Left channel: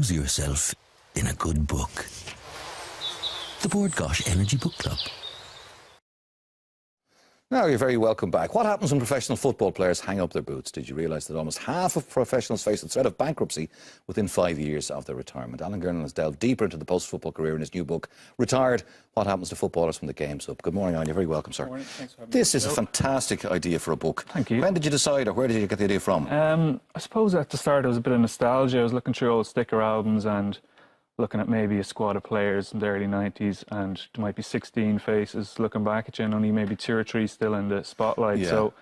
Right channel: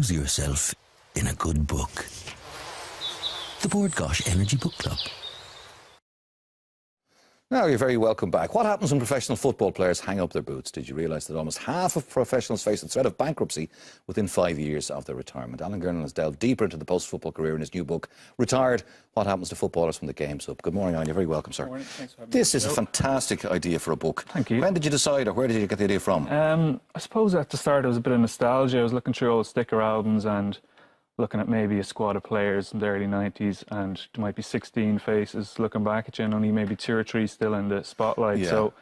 Lose yourself in a good book. The Bord Gáis Energy Book Club. Now you're very welcome back. What happens when professional football players hang up their boots? Did you realise that almost half of professionals face the threat of bankruptcy within 5 years of their retirement? Alan Gernon has delved deeper into the post-football career in his new book, Retired, What Happens to Footballers from the Games Up. Good morning, Alan. You're very welcome, sir. Morning. Thanks for having me. This is a fantastic idea for a book. Thank you. When did you decide, or where did you get the idea from? I suppose at the start it was a bit of nostalgia. I was looking through old sticker albums and looking at maybe a squad of players in the early 90s, and there might be 16 faces looking back at you and only maybe 2 or 3 still in the spotlight. Yeah. So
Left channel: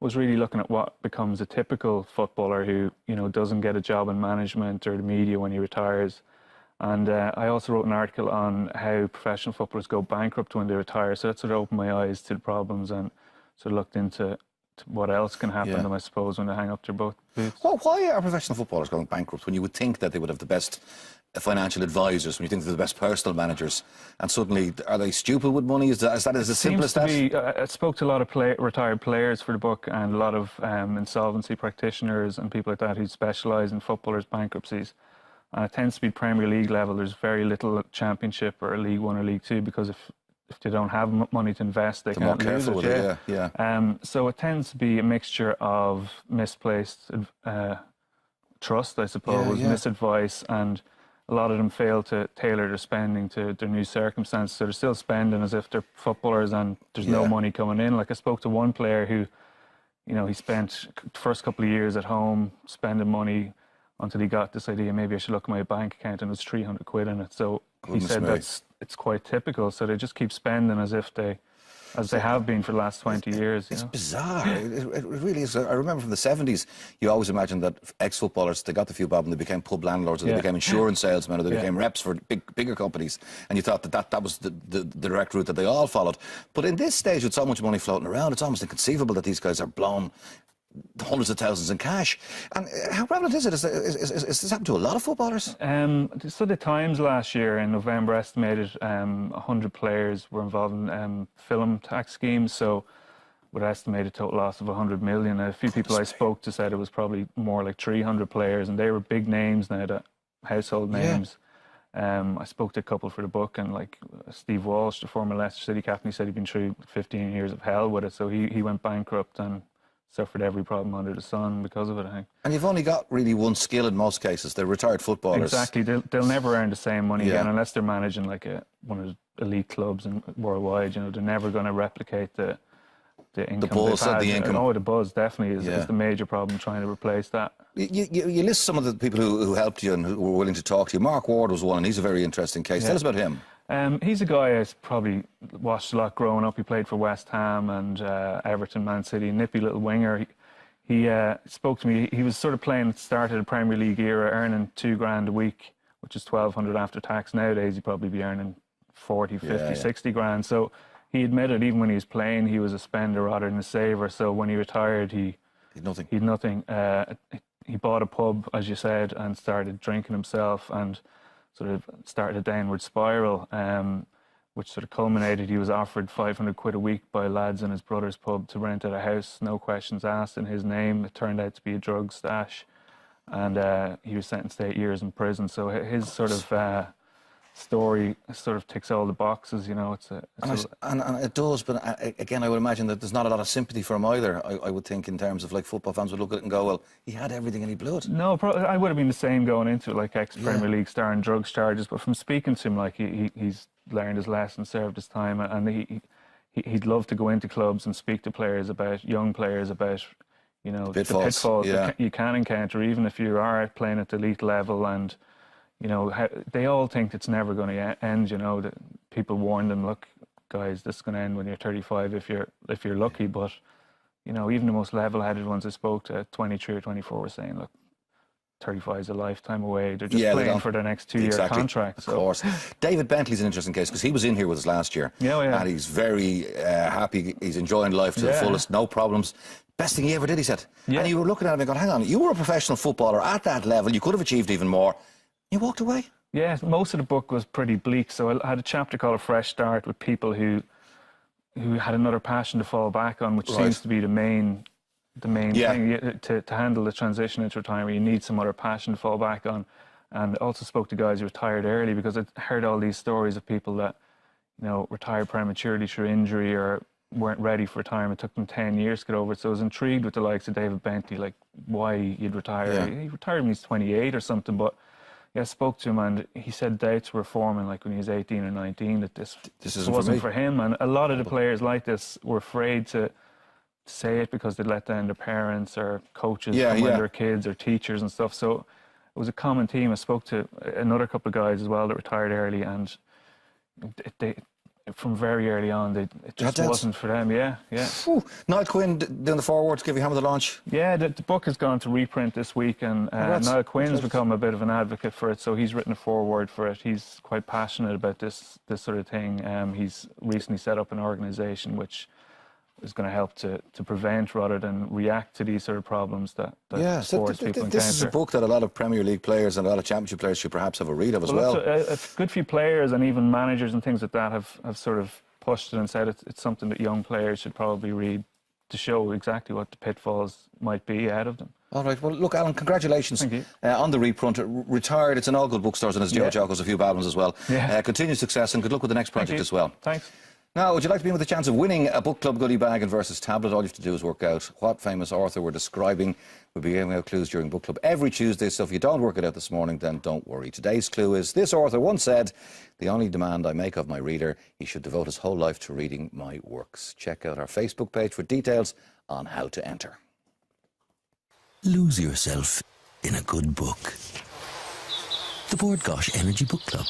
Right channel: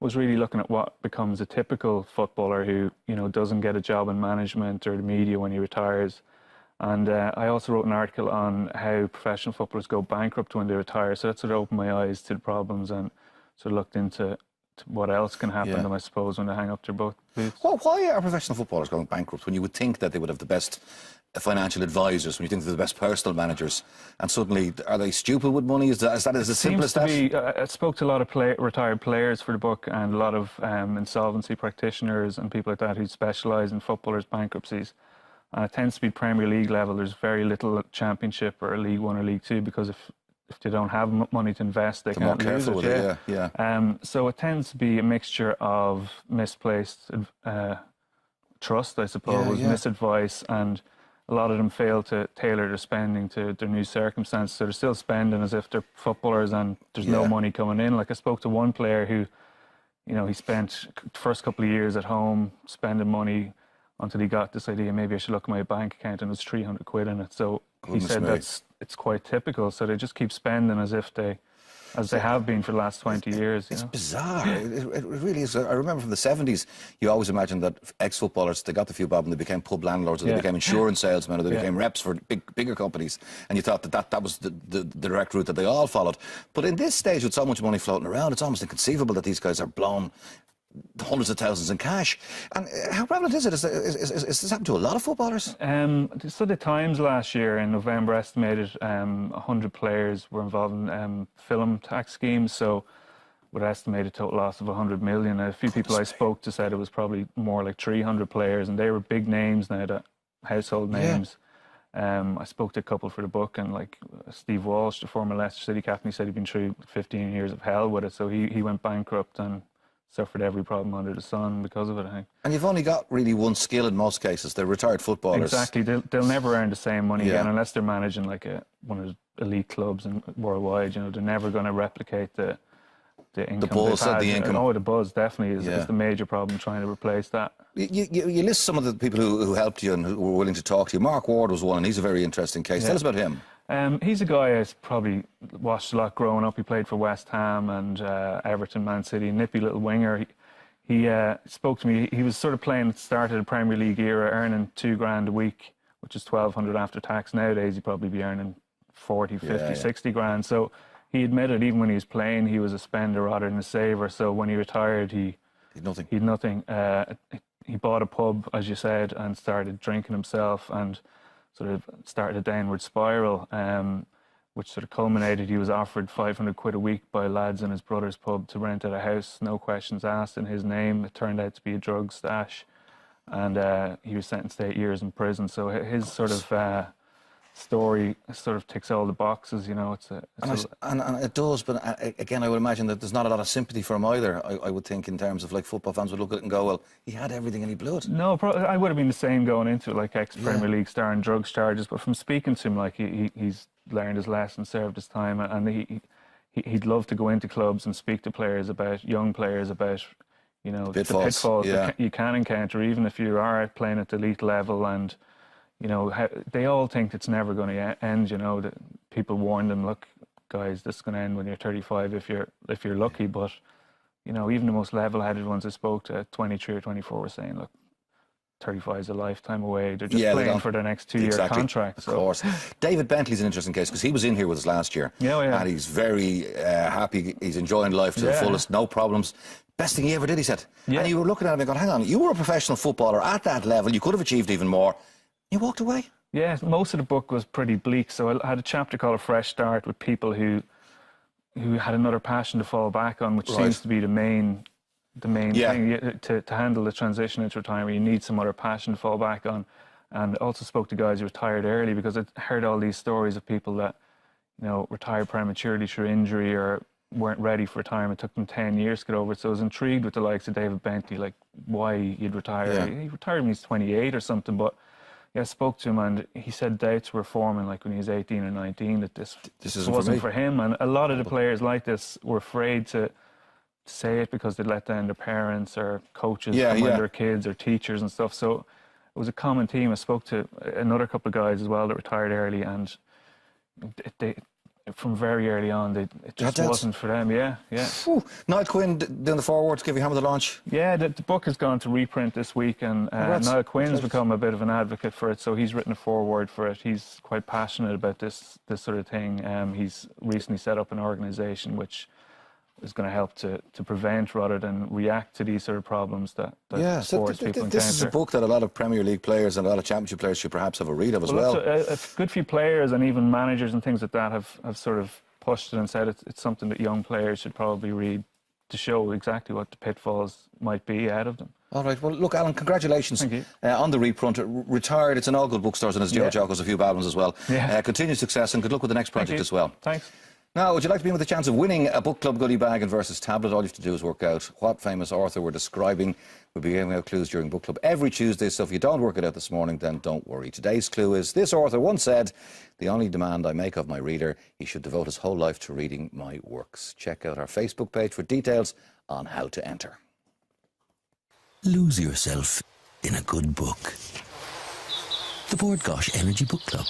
I was really looking at what becomes a typical footballer who, you know, doesn't get a job in management or the media when he retires. And I also wrote an article on how professional footballers go bankrupt when they retire. So that sort of opened my eyes to the problems and sort of looked into what else can happen to them, I suppose, when they hang up their boots. Well, why are professional footballers going bankrupt when you would think that they would have the best financial advisors, when you think they're the best personal managers, and suddenly, are they stupid with money? Is that as simple as that? I spoke to a lot of retired players for the book, and a lot of insolvency practitioners and people like that who specialise in footballers' bankruptcies. And it tends to be Premier League level. There's very little Championship or League One or League Two, because if they don't have money to invest, they can't lose it. So it tends to be a mixture of misplaced trust, I suppose, misadvice, and a lot of them fail to tailor their spending to their new circumstances. So they're still spending as if they're footballers and there's no money coming in. Like, I spoke to one player who, you know, he spent the first couple of years at home spending money until he got this idea, maybe I should look at my bank account, and it was 300 quid in it. So he said it's quite typical. So they just keep spending as if they have been for the last 20 years. It's bizarre. It really is. I remember from the 70s, you always imagined that ex-footballers, they got the few bob and they became pub landlords, or they became insurance salesmen, or they became reps for bigger companies, and you thought that was the direct route that they all followed. But in this stage, with so much money floating around, it's almost inconceivable that these guys are blown hundreds of thousands in cash. And how prevalent is it? Is this happening to a lot of footballers? So the Times last year in November estimated 100 players were involved in film tax schemes, so with an estimated total loss of 100 million. A few people I spoke to said it was probably more like 300 players, and they were big names now, household names. I spoke to a couple for the book, and like Steve Walsh, the former Leicester City captain, he said he'd been through 15 years of hell with it, so he went bankrupt and suffered every problem under the sun because of it, I think. And you've only got really one skill in most cases. They're retired footballers. Exactly. They'll never earn the same money again unless they're managing like one of the elite clubs worldwide. You know, they're never going to replicate the income. The buzz and the income. Oh, the buzz definitely is the major problem, trying to replace that. You list some of the people who helped you and who were willing to talk to you. Mark Ward was one, and he's a very interesting case. Tell us about him. He's a guy I probably watched a lot growing up. He played for West Ham and Everton, Man City, nippy little winger. He spoke to me. He was sort of playing at the start of the Premier League era, earning $2,000 a week, which is $1,200 after tax. Nowadays, he'd probably be earning 40, 50, 60 grand. So he admitted even when he was playing, he was a spender rather than a saver. So when he retired, he had nothing. He bought a pub, as you said, and started drinking himself, and sort of started a downward spiral, which sort of culminated. He was offered 500 quid a week by lads in his brother's pub to rent out a house, no questions asked, in his name. It turned out to be a drug stash, and he was sentenced to 8 years in prison. So his sort of story sort of ticks all the boxes, you know. And it does, but again, I would imagine that there's not a lot of sympathy for him either. I would think, in terms of, like, football fans would look at it and go, well, he had everything and he blew it. No, I would have been the same going into it, like ex-Premier League star and drugs charges, but from speaking to him, like, he's learned his lesson, served his time, and he'd love to go into clubs and speak to players about, young players about, you know, the pitfalls that you can encounter, even if you are playing at the elite level. And you know, they all think it's never going to end. You know, that people warn them, look, guys, this is going to end when you're 35 if you're lucky. But you know, even the most level-headed ones I spoke to at 23 or 24 were saying, look, 35 is a lifetime away. They're just playing for their next 2-year contract. Of course. David Bentley's an interesting case, because he was in here with us last year. And he's very happy. He's enjoying life to the fullest, no problems. Best thing he ever did, he said. And you were looking at him and going, hang on, you were a professional footballer at that level. You could have achieved even more. You walked away. Yeah, most of the book was pretty bleak. So I had a chapter called A Fresh Start, with people who had another passion to fall back on, which seems to be the main thing. To handle the transition into retirement, you need some other passion to fall back on. And also spoke to guys who retired early, because I heard all these stories of people that, you know, retired prematurely through injury or weren't ready for retirement. It took them 10 years to get over it. So I was intrigued with the likes of David Bentley, like why he'd retire. Yeah. He retired when he's 28 or something, but yeah, I spoke to him and he said doubts were forming like when he was 18 or 19 that this wasn't for him. And a lot of the players like this were afraid to say it because they'd let down their parents or coaches when their kids or teachers and stuff. So it was a common theme. I spoke to another couple of guys as well that retired early, and they from very early on, it just wasn't for them. Yeah. Niall Quinn doing the forward to give you hammer the launch. Yeah, the book has gone to reprint this week, and Niall Quinn's become a bit of an advocate for it. So he's written a foreword for it. He's quite passionate about this sort of thing. He's recently set up an organisation which is going to help to prevent rather than react to these sort of problems that sports people encounter. This is a book that a lot of Premier League players and a lot of Championship players should perhaps have a read of as well. A good few players and even managers and things like that have sort of pushed it and said it's something that young players should probably read to show exactly what the pitfalls might be out of them. All right. Well, look, Alan, congratulations Thank you. On the reprint. Retired. It's in all good bookstores, and as George Jocko's a few albums as well. Continued success and good luck with the next project as well. Thanks. Now, would you like to be in with a chance of winning a book club goodie bag and versus tablet? All you have to do is work out what famous author we're describing. We'll be giving out clues during book club every Tuesday, so if you don't work it out this morning, then don't worry. Today's clue is: this author once said, "The only demand I make of my reader, he should devote his whole life to reading my works." Check out our Facebook page for details on how to enter. Lose yourself in a good book. The Bord Gáis Energy Book Club.